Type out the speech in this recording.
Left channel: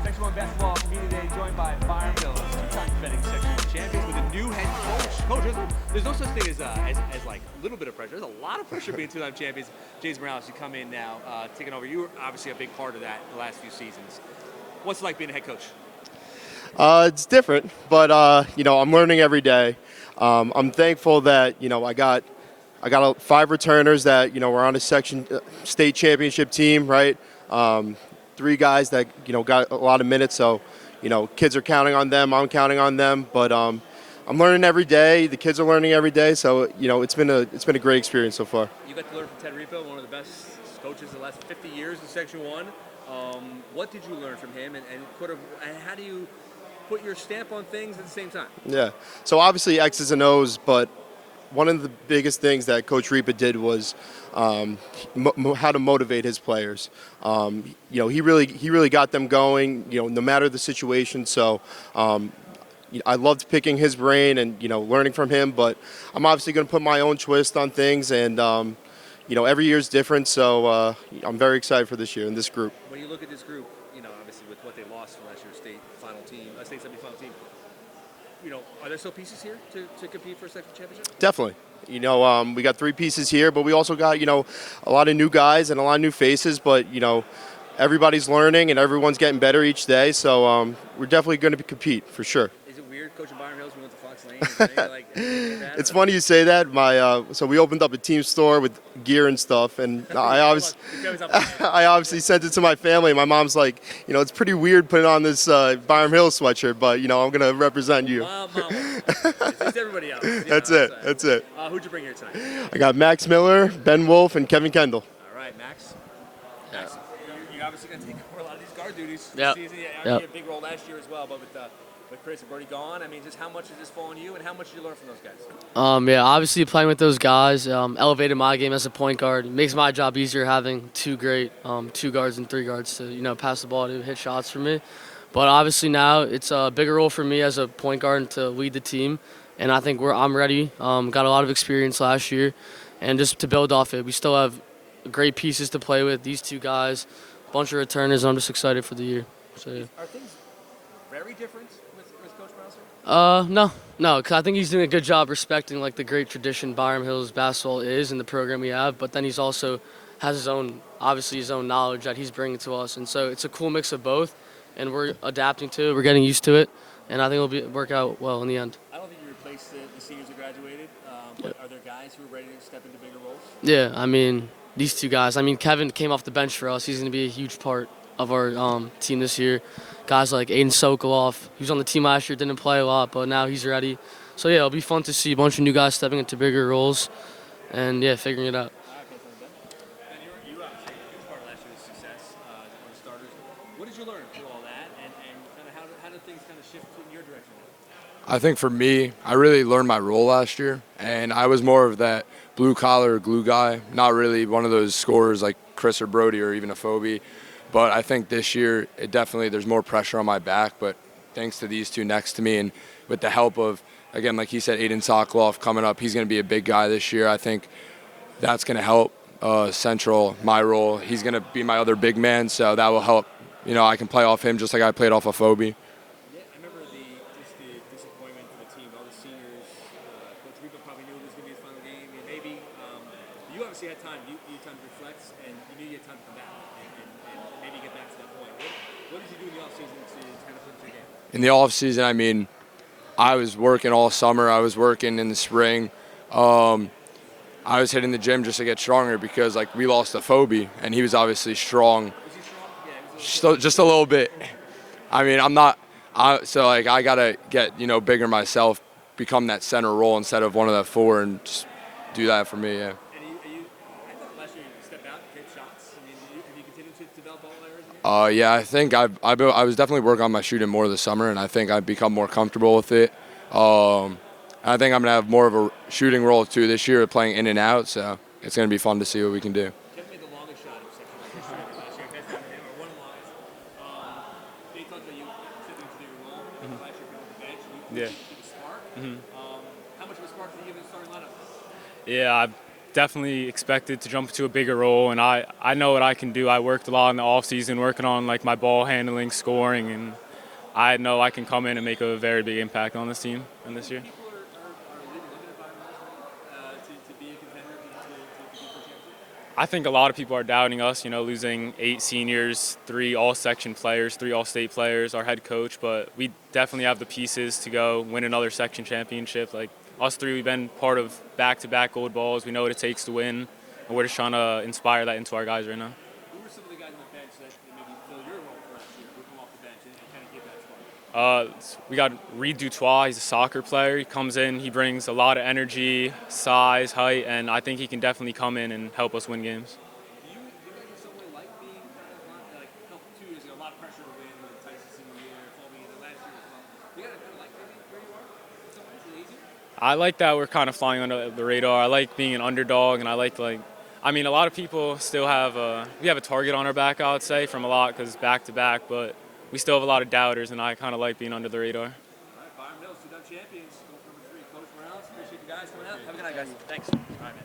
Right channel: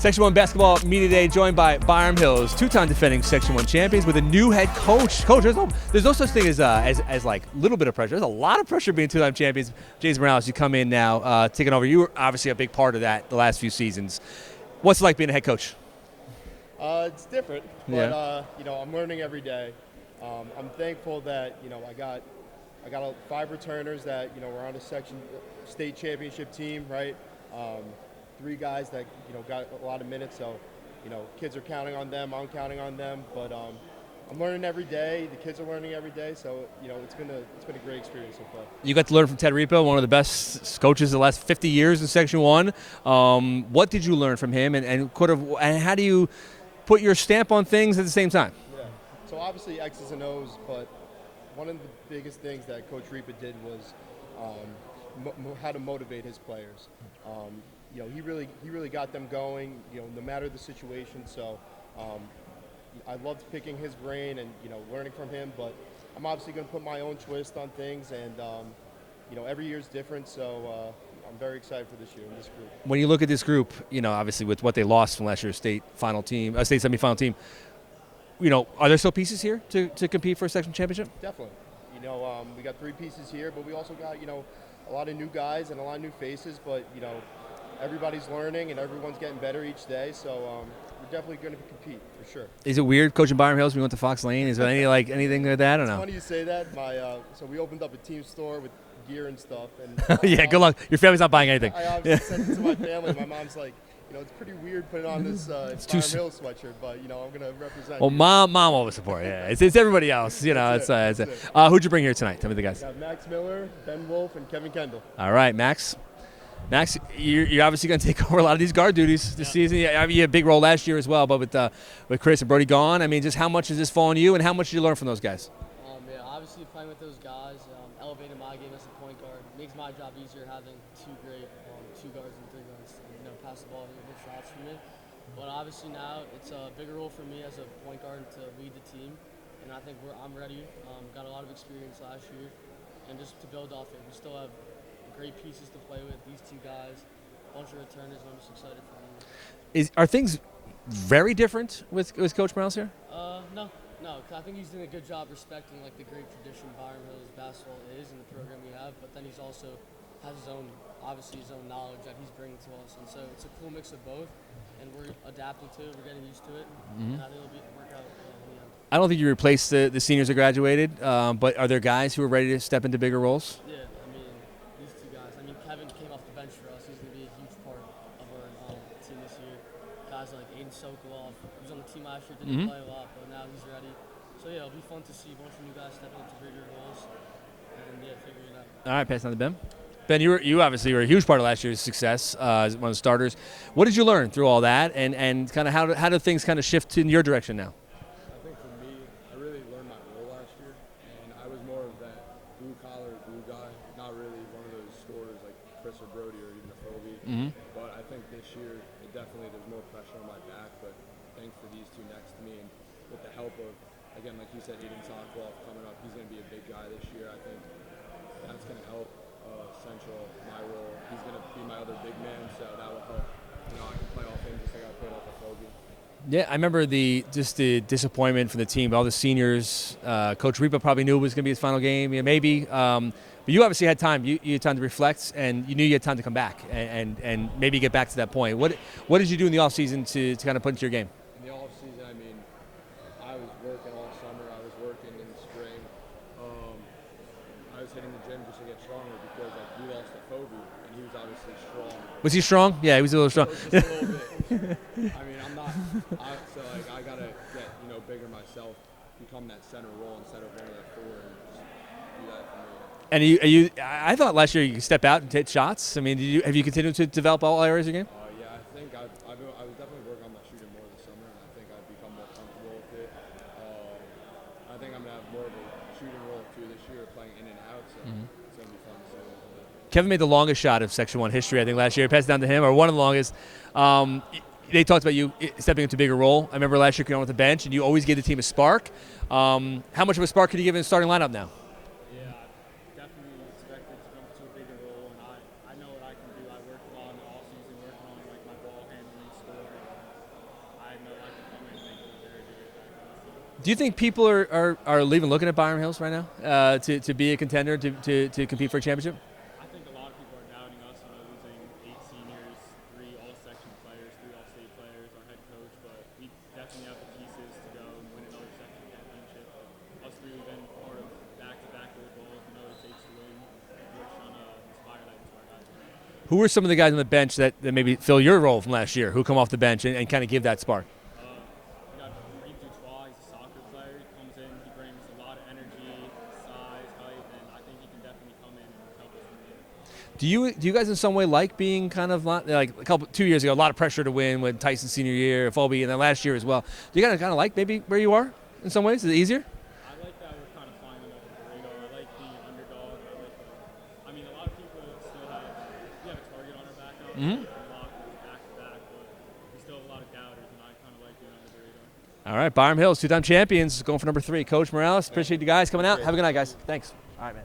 Section 1 Basketball Media Day, joined by Byram Hills, two-time defending Section 1 champions, with a new head coach. Coach, there's no such thing as like a little bit of pressure. There's a lot of pressure being two-time champions. James Morales, you come in now, taking over. You were obviously a big part of that the last few seasons. What's it like being a head coach? It's different, but I'm learning every day. I'm thankful that I got 5 returners that were on a section state championship team, right? 3 guys that got a lot of minutes, so kids are counting on them. I'm counting on them, but I'm learning every day. The kids are learning every day, so it's been a great experience so far. You got to learn from Ted Repo, one of the best coaches of the last 50 years in Section 1. What did you learn from him, and how do you put your stamp on things at the same time? Yeah, so obviously X's and O's, but one of the biggest things that Coach Repa did was how to motivate his players. He really got them going, no matter the situation. So I loved picking his brain and learning from him. But I'm obviously going to put my own twist on things, and every year is different. So I'm very excited for this year and this group. When you look at this group, obviously with what they lost from last year's state semifinal team, are there still pieces here to compete for a section championship? Definitely. We got 3 pieces here, but we also got, a lot of new guys and a lot of new faces, but, everybody's learning and everyone's getting better each day. So we're definitely going to compete for sure. Is it weird coaching Byram Hills when you went to Fox Lane? Is there anything like that? It's funny you say that. So we opened up a team store with gear and stuff, and good luck. Your family's not buying anything. I obviously sent it to my family. My mom's like, it's pretty weird putting on this Byram Hills sweatshirt, but I'm going to represent you. Mom will support. Yeah. It's everybody else. That's it. Who'd you bring here tonight? Tell me the guys. I got Max Miller, Ben Wolf, and Kevin Kendall. All right, Max, you're obviously going to take over a lot of these guard duties this season. You had a big role last year as well, but with Chris and Brody gone, just how much does this fall on you, and how much did you learn from those guys? Obviously playing with those guys elevated my game as a point guard. It makes my job easier having 2 great 2 guards and 3 guards to pass the ball, to hit shots for me. But obviously now it's a bigger role for me as a point guard and to lead the team, and I think I'm ready. Got a lot of experience last year, and just to build off it, we still have great pieces to play with. These 2 guys, a bunch of returners. I'm just excited for the year. So, are things very different with Coach Morales here? No, because I think he's doing a good job respecting the great tradition Byram Hills basketball is and the program we have. But then he's also has his own knowledge that he's bringing to us, and so it's a cool mix of both. And we're adapting to it. We're getting used to it, and I think it'll work out well in the end. I don't think you replaced the seniors that graduated, but are there guys who are ready to step into bigger roles? Yeah, these 2 guys. Kevin came off the bench for us. He's going to be a huge part of our team this year. Guys like Aiden Sokoloff, he was on the team last year, didn't play a lot, but now he's ready. So, yeah, it'll be fun to see a bunch of new guys stepping into bigger roles and, figuring it out. All right, pass on to Ben. Ben, you obviously were a huge part of last year's success as one of the starters. What did you learn through all that, and kind of how do things kind of shift in your direction now? I think for me, I really learned my role last year, and I was more of that blue-collar glue guy, not really one of those scorers like Chris or Brody or even a Phobie. But I think this year, there's more pressure on my back, but thanks to these 2 next to me and with the help of, again, like he said, Aiden Sokoloff coming up, he's going to be a big guy this year. I think that's going to help Central, my role. He's going to be my other big man, so that will help. I can play off him just like I played off of Phobie. Yeah, I remember the disappointment for the team. All the seniors, Coach Repa probably knew it was going to be his final game. Maybe. But you obviously had time. You had time to reflect, and you knew you had time to come back and maybe get back to that point. What did you do in the offseason to kind of put into your game? In the offseason, I was working all summer. I was working in the spring. I was hitting the gym just to get stronger because, we lost to Phobie, and he was obviously strong. Was he strong? Yeah, he was a little strong. Just a little bit. I'm not – I got to get, bigger myself, become that center role instead of one of the 4 and just do that for me, yeah. And I thought last year you could step out and hit shots. Have you continued to develop all areas of your game? Yeah, I think I was definitely working on my shooting more this summer, and I think I've become more comfortable with it. I think I'm going to have more of a shooting role, too, this year, playing in and out. So it's going to be fun to see what we can do. Kevin made the longest shot of Section 1 history, I think, last year. Passed it down to him, or one of the longest. they talked about you stepping into a bigger role. I remember last year coming on with the bench, and you always Yeah. gave the team a spark. How much of a spark could you give in the starting lineup now? Yeah, I definitely expected to jump into a bigger role, and I know what I can do. I worked a lot in the off season, working on like my ball handling, scoring, and I know I can come in and make a very big impact on this team. Do you think people are leaving looking at Byram Hills right now to be a contender, to compete for a championship? I think a lot of people are doubting us, losing 8 seniors, 3 all-section players, 3 all-state players, our head coach, but we definitely have the pieces to go win another section championship. Like us 3, we've been part of back-to-back gold balls. We know what it takes to win, and we're just trying to inspire that into our guys right now. Who are some of the guys on the bench that maybe fill your role from last year, who come off the bench and kind of give that spark? We got Reed Dutois. He's a soccer player. He comes in, he brings a lot of energy, size, height, and I think he can definitely come in and help us win games. Do you guys in some way like being kind of like 2 years ago, a lot of pressure to win with Tyson's senior year, Phoebe, and then last year as well? Do you guys kind of like maybe where you are in some ways? Is it easier? I like that we're kind of flying under the radar. I like being an underdog, and I like a lot of people still have we have a target on our back, I would say, from a lot because back to back, but we still have a lot of doubters, and I kind of like being under the radar. All right, Byram Hills, 2-time champions, going for number 3. Coach Morales, appreciate you guys coming out. Have a good night, guys. Thanks. All right, man.